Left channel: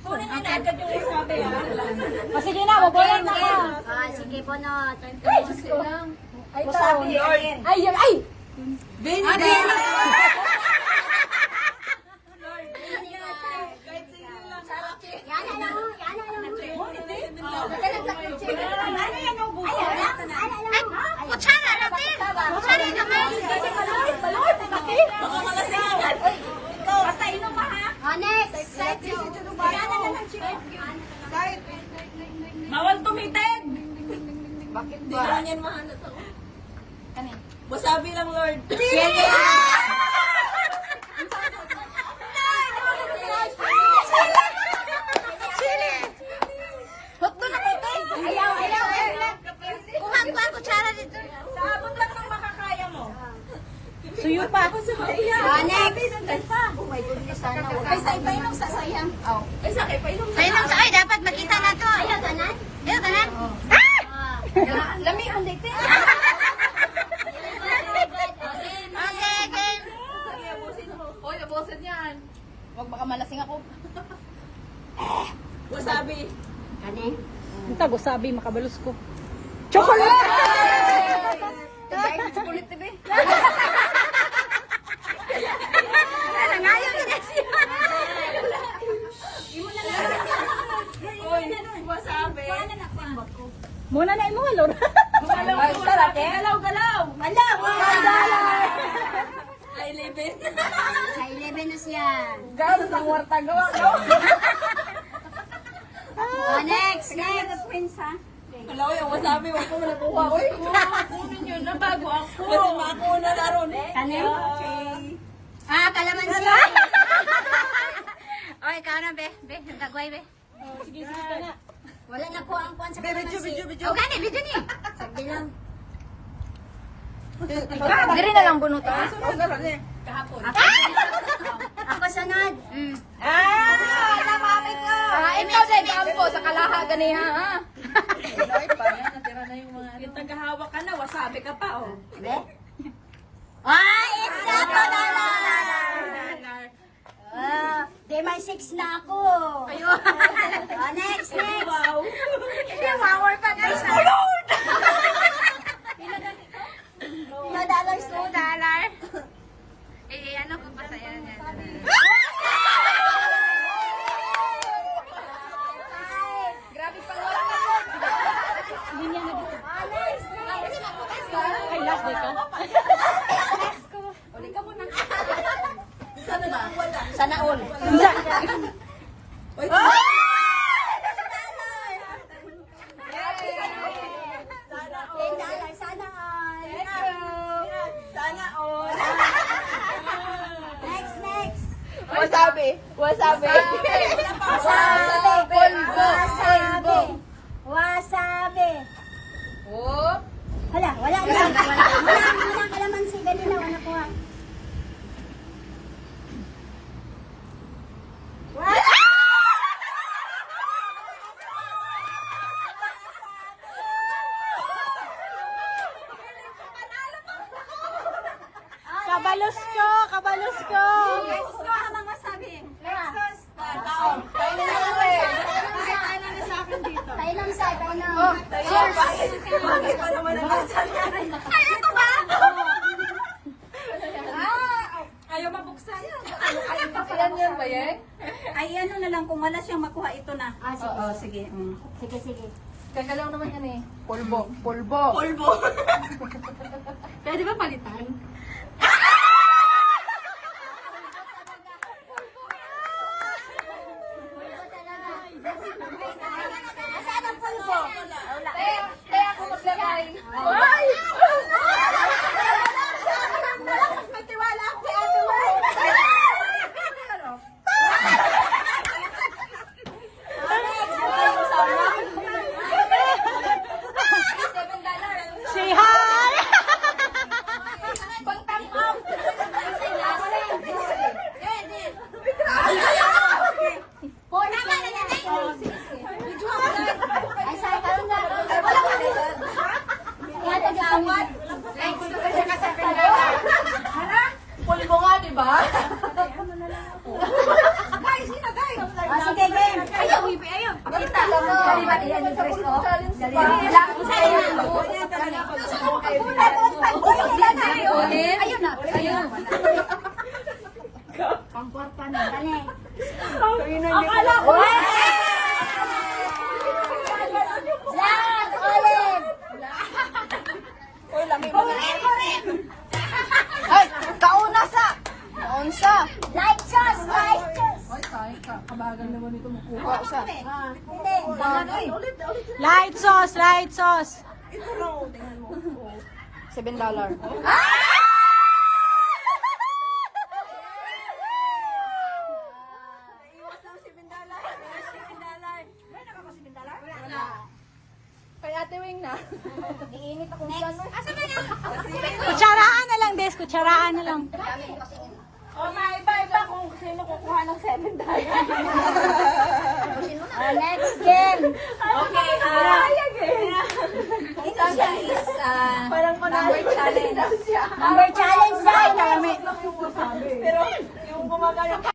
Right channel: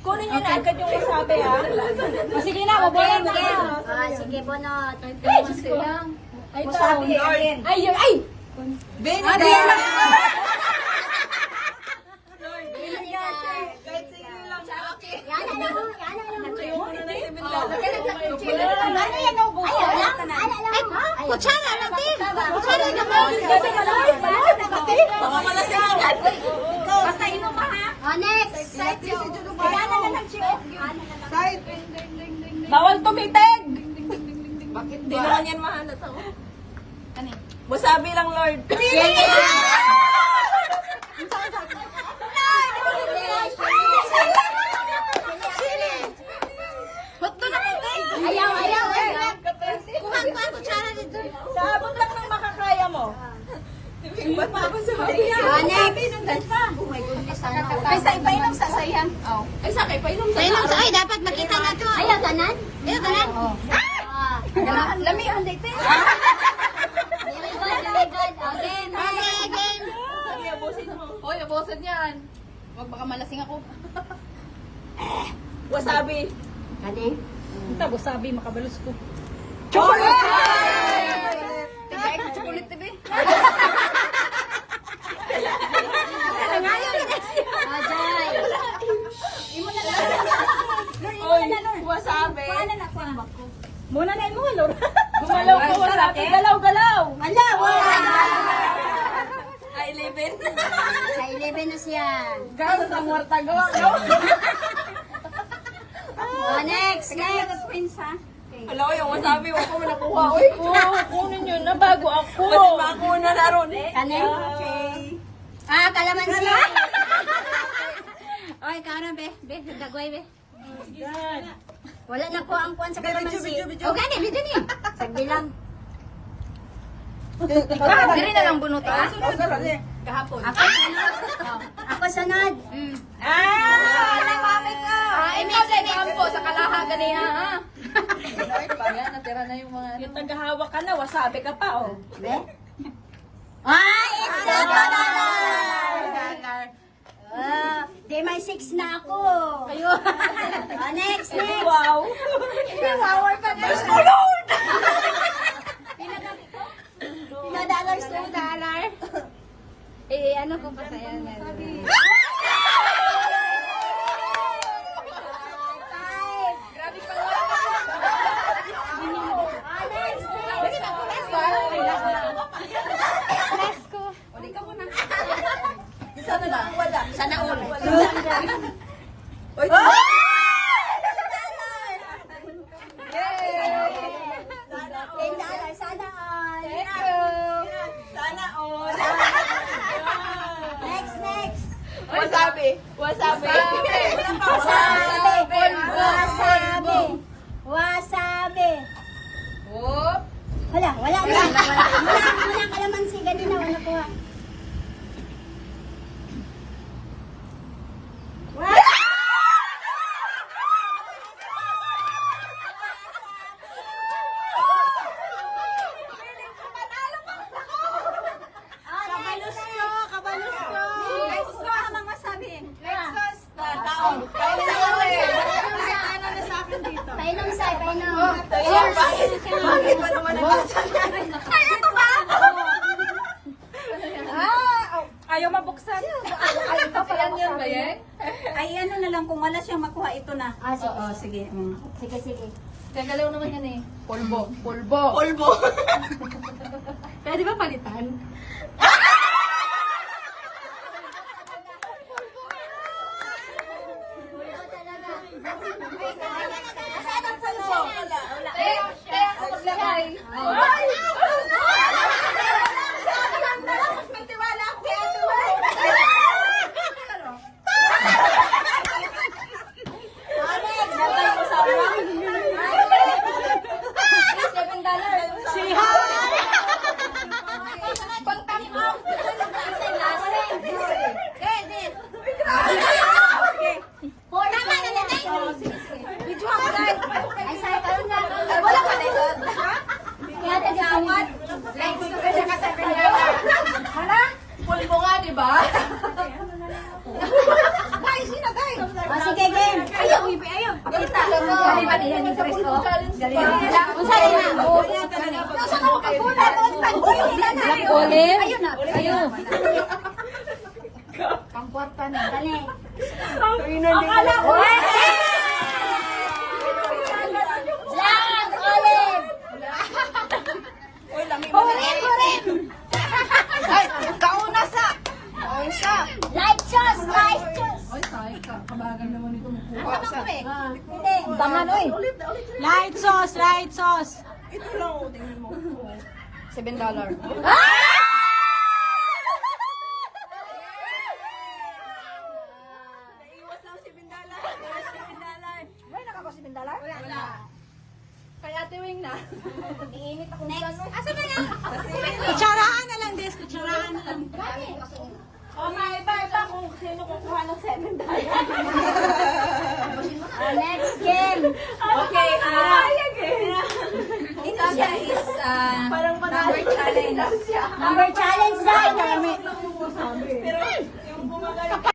Kunin niyo na agad yung wasabi, ha? Sige na, babayan na. Sige, Bonot. Ay, wasabi. Ay! Binigay! Kutsara natin. Kutsara naman. Basta inom ka, ha? Next. Side si Bawal tumitig! Bakit ba? Di naman yan mahanap ako. Wasabi lang, Lord. Ayaw. Kuha kutsara dito. Sa abot lang ng makakaya mo. Suyo pa ako sa Next. Oh my goodness, sana. Kaysa ipainom sa sayan. Ay, sa kay painom Kailan sa ay dapat makita na to. Ayaw tanan. Lami ang dito. Hoy, abusin yan. Huwag baka malasing ako. Wasabi. Kani? Tago sabi, makabalus ko. Chocolate! Tigay ko chocolate, tibi. Nangayon ni next year. Oy, wasabi. Muna na yung mga lord. Gumalaw ko wasabi. Galaw-galaw. Ay, libin. Sa 11 na siya. Gano'n ang warta gawa. Next. Hello, yung wasabi. Huwag ko nakuha. Uy, kunin nyo na bago ako. Basta makuna na ron eh. Kani? Kalamansi. Oy, karon be. Dagway be. Wala na po ang kuwan sa kalamansi. O gani, video ni. Sagdi lang. Dili na lang bunutan. Kahapon. Ako sunod. Next po sa kalaha ganiha. Natira na yung mga... Yung tagahawak ka na, wasabi ka pa, oh. Be? It's a dollar! Di may 6 na ako. Ayun. Next. Wow. Hindi, wawar pa nga siya. $2. Ano ko pa sa'yo? Sana ba? Sana all. Uy, $10. Sana all. sana all. Next. Wasabi. Wasabi. Whoop. Wala kalamansi. Ganina, wala ko ha. Kabalus ko. Ang wasabi. Taon. Kaya na natin. Tainong sa, tainong. Bakit pa naman ang wasabi? Ay, ito ba? Ayaw mabuksan. Yan ba yan? Ay, ano na lang, kung wala siyang makuha, ito na. Sige. Oo, sige. Sige. Gagalaw naman yan eh. Polbo. Pwede ba palitan? Nasaan ang pulbo? Kaya ako maglagay. Magtiwala ako kay Ate Wai. Say hi! Pagtangkong. Ay, sorry, karoon na. Ay, wala ka na yun. Kaya taga-pang Ayaw, ayaw. Pakita. Dali ba diyan yung Chris ko? Dali ba? Ayun na. Ayun. Pangkwarta na. Dali. Akala ko. Black olive. Uy, lamig mo. Kurin. Ay, kauna sa. Kaunsa. Light sauce. Light sauce. Ay, tayo ka. Kabagal naman ito makuha. Hindi. Banan, oy. Light sauce, light sauce. Ito lang, oh, tingnan mo. Oh, $7. Naiwas lang $7. May nakaba $7? Wala. Kay Ate Wing na. Next. Asa ba yan? Kutsaraan na lang, Des. Kutsaraan na lang. O nga, iba kung sino kukuha ng $7. Next game. Okay, parang number challenge. Number challenge na. Ay, dami. Pero yung bumagay